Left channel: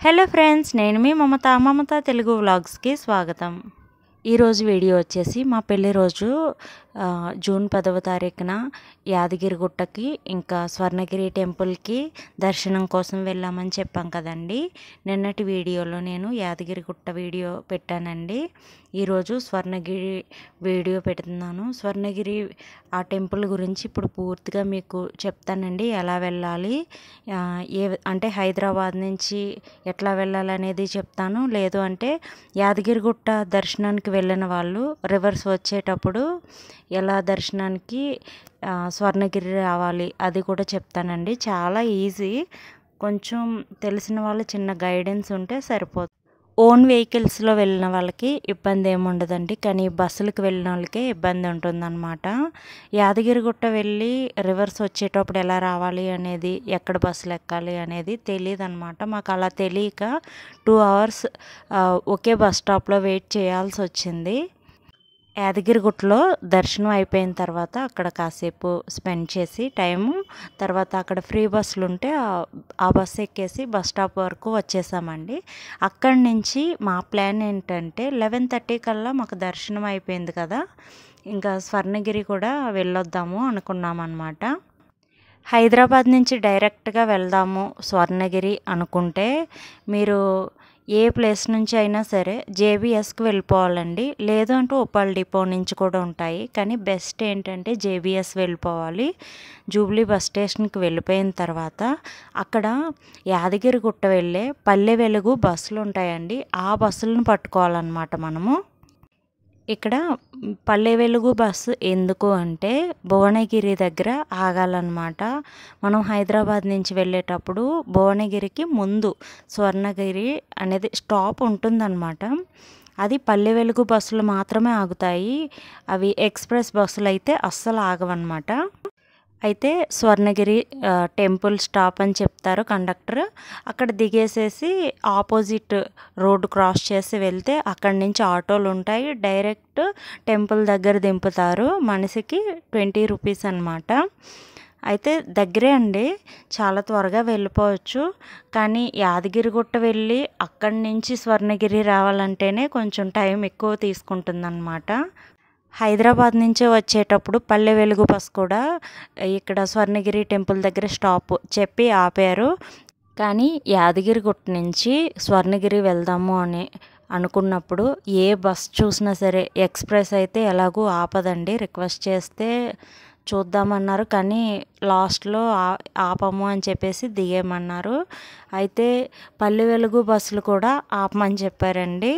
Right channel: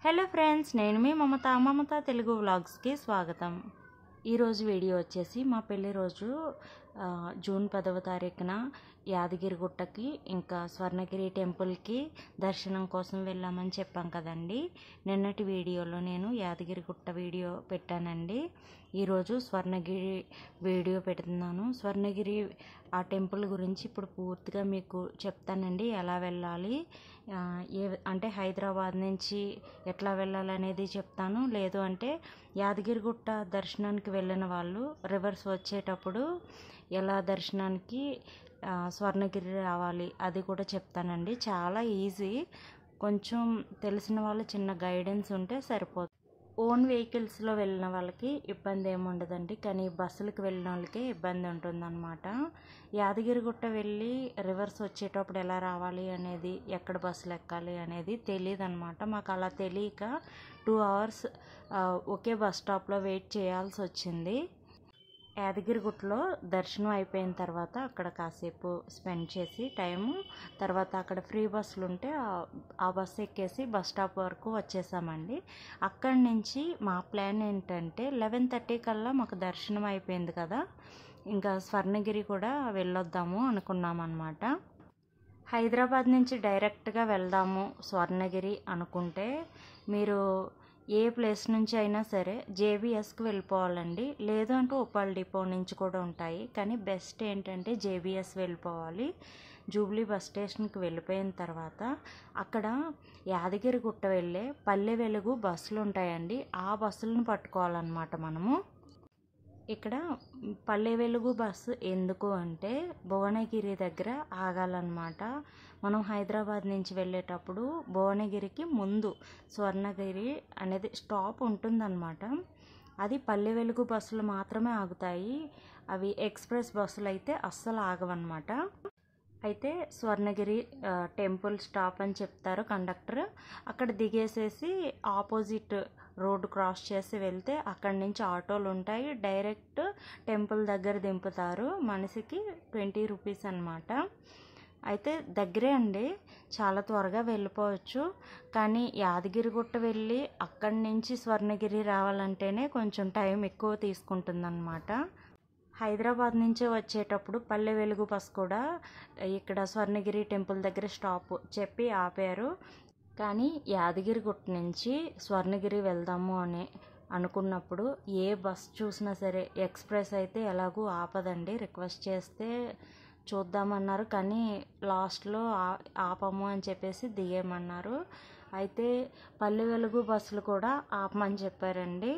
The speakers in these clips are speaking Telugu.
హలో ఫ్రెండ్స్, నేను మీ మమత తెలుగు వ్లాగ్స్కి స్వాగతం. ఈరోజు వీడియో వచ్చేసి మా పెళ్లి రోజు జూన్ 10వ తారీఖున యాదగిరిగుట్టకి ఇంకా స్వర్ణగిరి టెంపుల్కి దర్శనం కోసం వెళ్ళామని చెప్పాం కదండి. నిన్నటి వీడియోలో నేను యాదగిరిగుట్ట వీడియో పెట్టానండి. ఈరోజు స్వర్ణగిరి వీడియో పెడుతున్నాను. స్వర్ణగిరి ఆ టెంపుల్ గురించి ఇప్పుడు పూర్తిగా మీకు చెప్తానండి. ఎలా వెళ్ళాలి, అంటే హైదరాబాద్ నుంచి ఎట్లా వెళ్ళాలనేది చెప్తాను. లేదు అంటే యాదగిరిగుట్ట దర్శనానికి వెళ్ళిన వాళ్ళు రివర్స్ వచ్చేటప్పుడు ఎలా దర్శనానికి స్వర్ణగిరి రావాలి అది కూడా చెప్తానండి. చాలా ఈజీ, కొంచెం తెలిసిన వాళ్ళు చిన్న గైడెన్స్ ఉంటే సరిపోతుంది. ఓన్ వెహికల్స్లో వెళ్ళిన వాళ్ళకి ఇబ్బంది ఏమి ఉండదండి, కానీ బస్సులకు వెళ్ళిన వాళ్ళకే ఇబ్బంది ఉంటుందన్నమాట. యాదగిరిగుట్ట వెళ్ళి రివర్స్ వచ్చేటప్పుడు ఎలా రావాలి అనేది, ఎక్కడ బస్సులు ఎక్కాలి అనేది తెలియదు అనమాట. మాకు అలా తెలియక 2 hours ఒకే బస్ స్టాప్లో వెయిట్ చేయాల్సి వచ్చింది. యాదగిరిగుట్టలో దర్శనం అయిపోయిన తర్వాత అక్కడ కాసేపు స్పెండ్ చేసి టైము, తర్వాత అక్కడ ఫ్రీ బస్సులు ఉంటే ఆ బస్సు ఎక్కేసి బస్ స్టాప్ వరకు వచ్చేసామండి. అక్కడి నుంచి మా ప్లాన్ ఏంటంటే 11:30 కల్లా మాకు దర్శనం అయిపోయింది కదా, ఇంకా స్వర్ణగిరి కూడా వెళ్ళొద్దాము అనుకున్నామన్నమాట. హైదరాబాద్ నుంచి డైరెక్ట్గా వెళ్దాము స్వర్ణగిరి అనుకుంటే మీరు ఏ ప్లేస్ నుంచి అయినా సరే జేబీఎస్కి వెళ్ళిపోవాలండి. లేదు అంటే ఉప్పల్ డిపో నుంచి కూడా ఉంటాయి, కానీ బెస్ట్ ఏంటంటే జేబీఎస్ వెళ్ళిపోవాలి. జూబ్లీ బస్ స్టేషన్కి వెళ్ళిపోయిన తర్వాత అక్కడ యాదగిరిగుట్ట వెళ్ళే పల్లె వెలుగు బస్సులు ఉంటాయండి. ఆ బస్సులను పట్టుకోవాలన్నమాట మనము. ఇక్కడ పల్లె వెలుగు బస్సు ఎందుకు అంటే భువనగిరి దగ్గర ఆగాలన్నమాట. మనం హైదరాబాద్ నుంచి వెళ్ళేటప్పుడు భువనగిరికి ముందు స్వర్ణగిరి అనేది స్టాప్ ఉంటుందన్నమాట. అది పల్లె వెలుగు బస్సులు మాత్రమే ఆగుతాయి. అవి ఎక్స్ప్రెస్ బస్సులు అయితే అస్సలు ఆగవన్నమాట. అయితే స్వర్ణగిరి టెంపుల్ స్టాప్ అని చెప్తారు కండక్టర్. అక్కడ దిగేసేసి ఆపోజిట్ రోడ్డు క్రాస్ చేసి వెళ్తే అక్కడి నుంచి ఆటోలు ఉంటాయి. డైరెక్ట్ టెంపుల్ దగ్గర దింపుతారు. మనిషికి 20 రూపీస్ అనమాట. అయితే దగ్గరే అండి, చాలా త్వరగా వెళ్ళిపోవచ్చు. కానీ యాదగిరిగుట్ట వెళ్ళి అక్కడి నుంచి స్వర్ణగిరి రావాలంటేనే కొంచెం టైం ఎక్కువ తీసుకుంటుందన్నమాట. హైదరాబాద్ నుంచి వచ్చేటప్పుడు పల్లె వెలుగు బస్ కూడా ఇక్కడ స్వర్ణగిరి టెంపుల్ దగ్గర స్టాప్ చెప్పి ఆపారు. కానీ యాదగిరిగుట్ట నుంచి స్వర్ణగిరి వెళ్దాము అని అనుకున్నప్పుడు ఏ బస్ చూసినా సరే ఎక్స్ప్రెస్ అయితే ఎలాగూ ఆపదండి. రిక్వెస్ట్ చేస్తే చూద్దామన్నారు, కానీ లాస్ట్లో ఆపము అని చెప్పేసి దిగేయమన్నారు. అయితే పల్లె వెలుగు బస్సులు కూడా ఆపమని చెప్పారండి.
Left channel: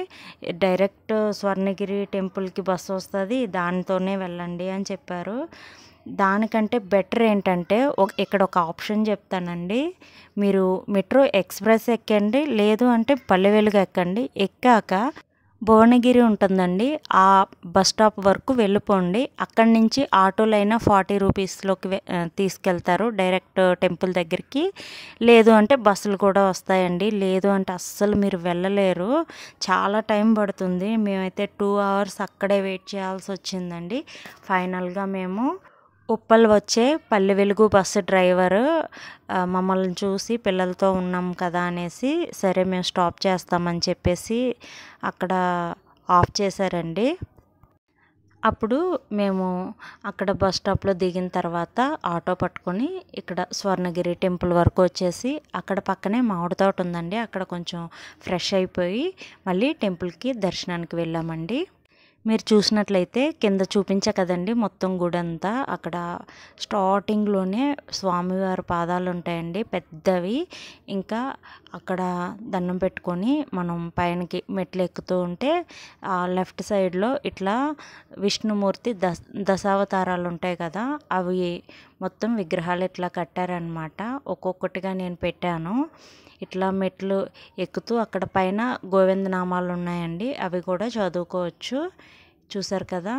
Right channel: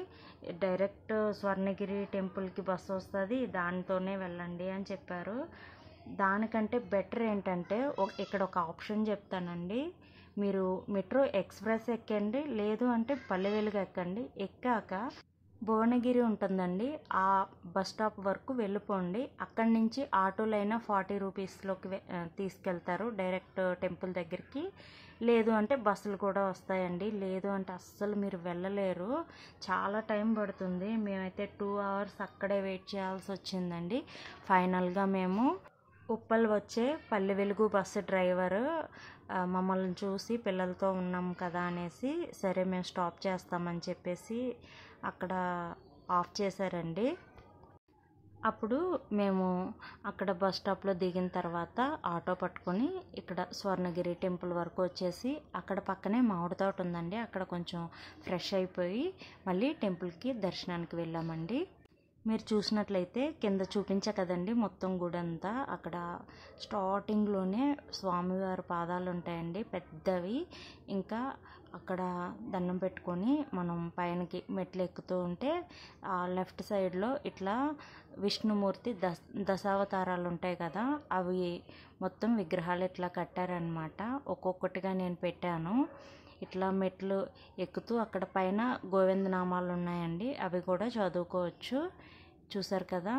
డైరెక్ట్ స్వర్ణగిరి టెంపుల్కి బస్సు వస్తుంది, దానితోనే వెళ్ళండి అని చెప్పారు. దానికంటే బెటర్ ఏంటంటే ఇక్కడ ఒక ఆప్షన్ చెప్తానండి. మీరు మెట్రో ఎక్స్ప్రెస్ ఎక్కండి, లేదు అంటే పల్లె వెలుగు ఎక్కండి. ఎక్కాక భువనగిరి ఉంటుందండి, ఆ బస్ స్టాప్ వరకు వెళ్ళిపోండి. అక్కడి నుంచి ఆటోలైనా 40 రూపీస్లోకి తీసుకెళ్తారు డైరెక్ట్ టెంపుల్ దగ్గరికి. లేదు అంటే బస్సులు కూడా వస్తాయండి. లేదు అంటే అస్సలు మీరు వెళ్ళలేరు, చాలా టైం పడుతుంది. మేమైతే 2 hours అక్కడే వెయిట్ చేయాల్సి వచ్చిందండి. ఫైనల్గా మేము ఉప్పల్ వచ్చే పల్లె వెలుగు బస్సు డ్రైవరు మమ్మల్ని చూసి పిల్లలతో ఉన్నాం కదా అనేసి, సరే మేము స్టాప్ చేస్తామని చెప్పేసి అక్కడ ఆఫ్ చేశారండి. అప్పుడు మేము అక్కడ బస్ స్టాప్లో దిగిన తర్వాత ఆటో పట్టుకొని ఇక్కడ స్వర్ణగిరి టెంపుల్ వరకు వచ్చేసి అక్కడ పక్కనే మామిడి తోట ఉందండి, అక్కడ కొంచెం ఫ్రెష్ అయిపోయి మళ్ళీ టెంపుల్కి దర్శనానికి వెళ్ళామండి. మీరు చూసినట్లయితే కింద చూపించా కదండి మొత్తం గుడంతా, అక్కడ స్టార్టింగ్లోనే స్వామివారి పాదాలు ఉంటాయండి పెద్దవి. ఇంకా అక్కడ దండం పెట్టుకొని మనం పైనకి మెట్లు ఎక్కుతూ ఉంటే లెఫ్ట్ సైడ్లో ఇట్లా విష్ణుమూర్తి దశావతారాలు ఉంటాయి కదా, అవి మొత్తం విగ్రహాలు ఇట్లా కట్టారనమాట. ఒక్కొక్కటిగా నేను పెట్టాను. ఇట్లా మెట్లు ఎక్కుతూ అక్కడ పైన గోవిందనామాలు ఉన్నాయండి, అవి కూడా చదువుకోవచ్చు. చూసారు కదా,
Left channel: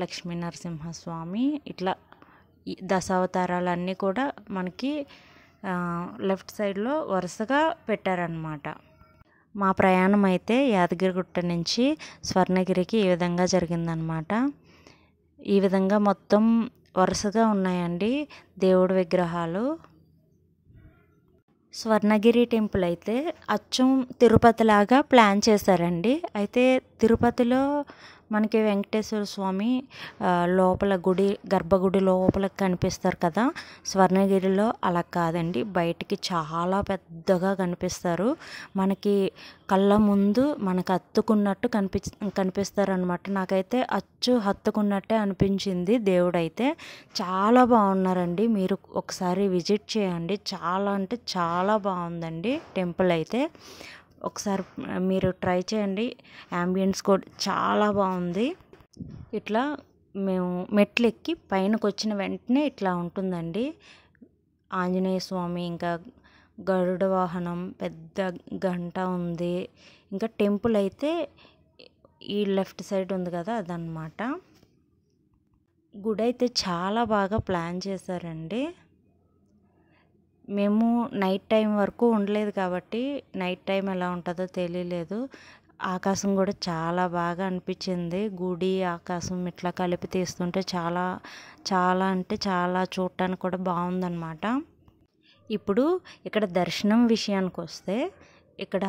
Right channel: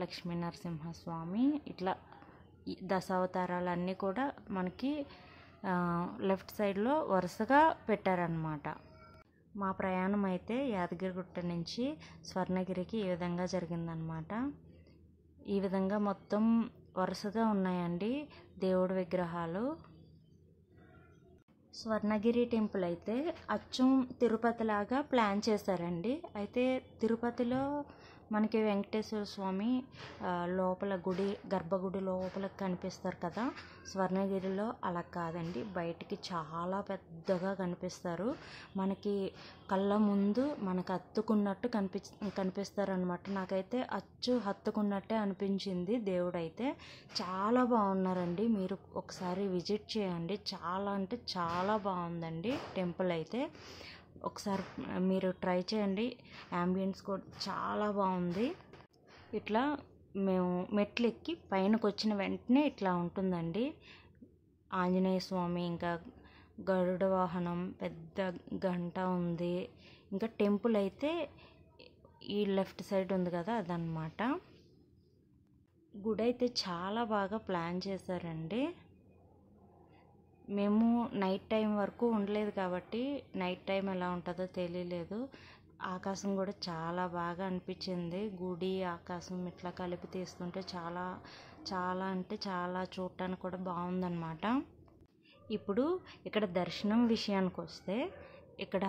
లక్ష్మీ నరసింహస్వామి ఇట్లా దశావతారాలన్నీ కూడా మనకి లెఫ్ట్ సైడ్లో వరుసగా పెట్టారనమాట. మా ప్రయాణం అయితే యాదగిరిగుట్ట నుంచి స్వర్ణగిరికి ఈ విధంగా జరిగిందనమాట. ఈ విధంగా మొత్తం వరుసగా ఉన్నాయండి దేవుడి విగ్రహాలు. స్వర్ణగిరి టెంపుల్ అయితే అచ్చం తిరుపతిలాగా ప్లాన్ చేశారండి. అయితే తిరుపతిలో మనకి వెంకటేశ్వర స్వామి లోపల గర్భగుడి లోపల కనిపిస్తారు కదా. స్వర్ణగిరిలో అలా కాదండి, బయటికి చాలా పెద్దగా కనిపిస్తారు. మనకి కళ్ళ ముందు మనకు హత్తుకున్నట్టు కనిపిస్తారనమాట. నాకైతే అచ్చు హత్తుకున్నట్టే అనిపించింది. దేవుడైతే చాలా బాగున్నారండి. మీరు ఒకసారి విజిట్ చేయండి. చాలా అంటే చాలా బాగుందండి టెంపుల్ అయితే. ఒకసారి మీరు ట్రై చేయండి. యాంబియన్స్ కూడా చాలా బాగుంది. ఇట్లా మేము మెట్లు ఎక్కి పైనకు వచ్చిన వెంటనే ఇట్లా ఉంటుందండి. ఆంజనేయ స్వామి, ఇంకా గరుడ వాహనం, పెద్ద గంట ఉంది. ఇంకా టెంపుల్ అయితే ఈ లెఫ్ట్ సైడ్ ఉంది కదా, అదనమాట. గుడి అయితే చాలా బాగా ప్లాన్ చేశారండి. మేము నైట్ టైం వరకు ఉండలేదు కాబట్టి నైట్ టైం ఎలా ఉంటుందో తెలియలేదు. ఆకాశం కూడా చాలా బాగా అనిపించింది. గుడి ఆకాశం ఇట్లా కలిపి తీస్తుంటే చాలా చాలా అంటే చాలా చూడటానికి కూడా బాగుందన్నమాట. ఇప్పుడు ఇక్కడ దర్శనం విషయానికి వస్తే, ఇక్కడ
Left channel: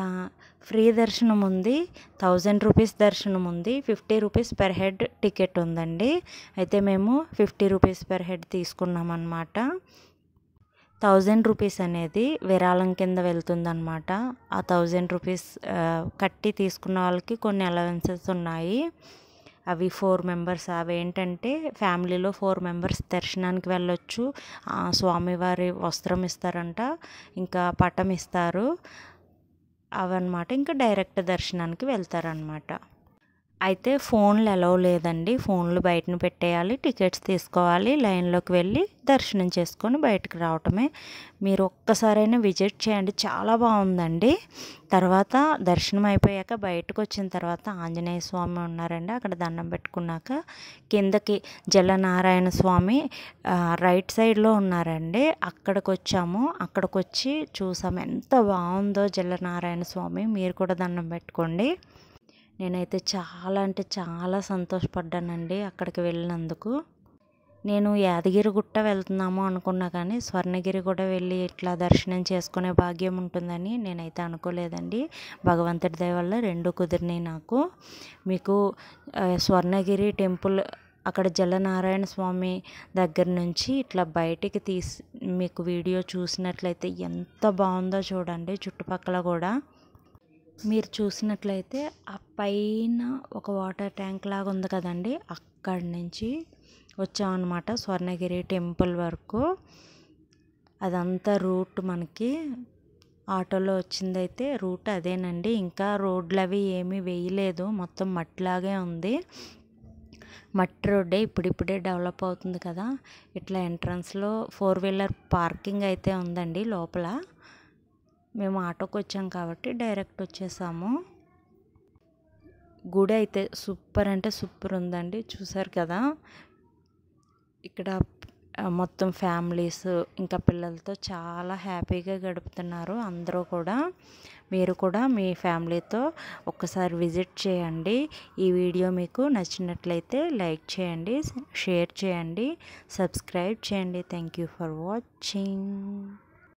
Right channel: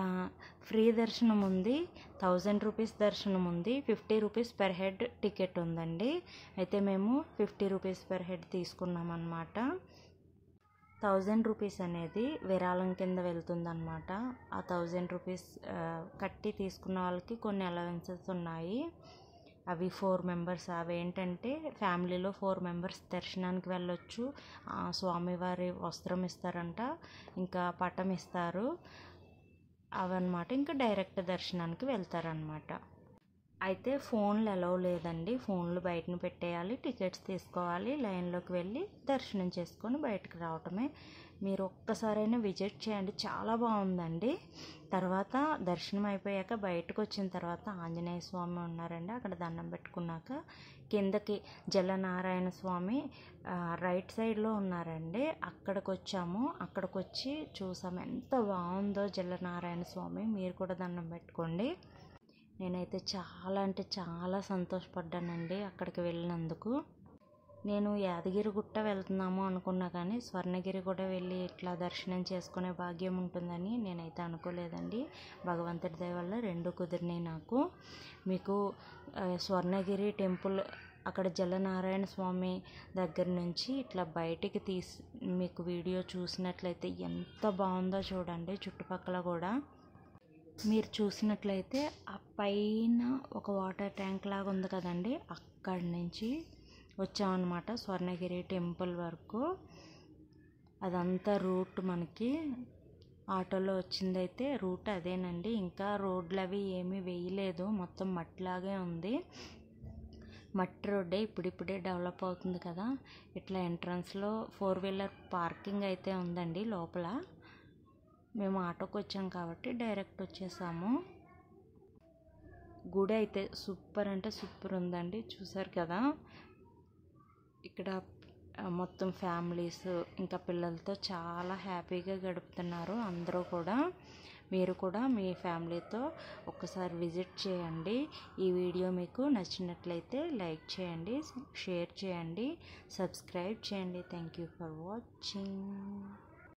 ఫ్రీ దర్శనం ఉంది, 1000 రూపీస్ దర్శనం ఉంది, 50 రూపీస్ పర్ హెడ్ టికెట్ ఉందండి. అయితే మేము 50 రూపీస్ పర్ హెడ్ తీసుకున్నాం అన్నమాట. 1000 రూపీస్ అనేది విరాళం కింద వెళ్తుందన్నమాట. ఆ 1000 రూపీస్ కట్టి తీసుకున్న వాళ్ళకి కొన్ని అలవెన్సెస్ ఉన్నాయి. అవి 4 మెంబర్స్. అవి ఏంటంటే ఫ్యామిలీలో 4 మెంబర్స్ దర్శనానికి వెళ్ళొచ్చు. స్వామివారి వస్త్రం ఇస్తారంట, ఇంకా పటం ఇస్తారు, అవన్నమాట. ఇంకా డైరెక్ట్ దర్శనానికి వెళ్తారనమాట. అయితే ఫోన్లు అలౌ లేదండి. ఫోన్లు బయటను పెట్టేయాలి, టికెట్స్ తీసుకోవాలి, లైన్లోకి వెళ్ళి దర్శనం చేసుకొని బయటకు రావటమే. మీరు ఒక్కసారైనా విజిట్ చేయండి, చాలా బాగుందండి. తర్వాత దర్శనం అయిపోయాక బయటకు వచ్చిన తర్వాత ఆంజనేయ స్వామి ఉన్నారండి. అక్కడ దండం పెట్టుకున్నాక కిందకి జలనారాయణ స్వామి రైట్ సైడ్లో ఉన్నారండి. అక్కడికి వచ్చాము. అక్కడికి వచ్చి చూసాము, ఎంత బాగుందో జలనారాయణ స్వామి. మీరు కూడా దండం పెట్టుకోండి. నేనైతే చాలా అంటే చాలా సంతోషపడ్డానండి అక్కడికి వెళ్ళినందుకు. నేను యాదగిరిగుట్ట వెళ్తున్నాము అనుకున్నా, కానీ స్వర్ణగిరి కూడా వెళ్ళి ఇట్లా దర్శనం చేసుకునే భాగ్యం ఉంటుందని నేనైతే అనుకోలేదండి. భగవంతుడి దయ వల్ల రెండు కుదిరినాయి నాకు. మీకు స్వర్ణగిరి టెంపుల్ అక్కడ జలనారాయణ స్వామి దగ్గర నుంచి ఇట్లా బయటికి మీకు వీడియో చూసినట్లయితే ఎంత బాగుందో చూడండి. చుట్టుపక్కల కూడా మీరు చూసినట్లయితే ఆ పైన ఒక వాటర్ ట్యాంక్ లాగా ఉంది కదండి, అక్కడి నుంచి వచ్చామన్నమాట స్వర్ణగిరి టెంపుల్ వరకు. అదంతా రూట్ మనకి ఆటోలో వచ్చిందైతే రూట్ అదేనండి. ఇంకా రోడ్లు అవి ఏమీ వేయలేదు, మొత్తం మట్టిలాగే ఉంది. మట్టి రోడ్డే, ఇప్పుడిప్పుడే డెవలప్ అవుతుంది కదా. ఇట్లా ఎంట్రన్స్లో 4 వీలర్ పార్కింగ్ అయితే ఉందండి లోపల. మేము ఆటోకి వచ్చాం కాబట్టి డైరెక్ట్ వచ్చేసాము. గుడి అయితే సూపర్ అంటే సూపర్ ఉందండి. చూసారు కదా, ఇక్కడ మొత్తం ఫ్యామిలీస్ ఇంకా పిల్లలతో చాలా హ్యాపీగా గడుపుతున్నారు అందరూ కూడా. మీరు కూడా మీ ఫ్యామిలీతో ఒక్కసారి విజిట్ చేయండి. ఈ వీడియో మీకు నచ్చినట్లయితే లైక్ చేయండి, షేర్ చేయండి, సబ్స్క్రైబ్ చేయండి. Thank you for watching.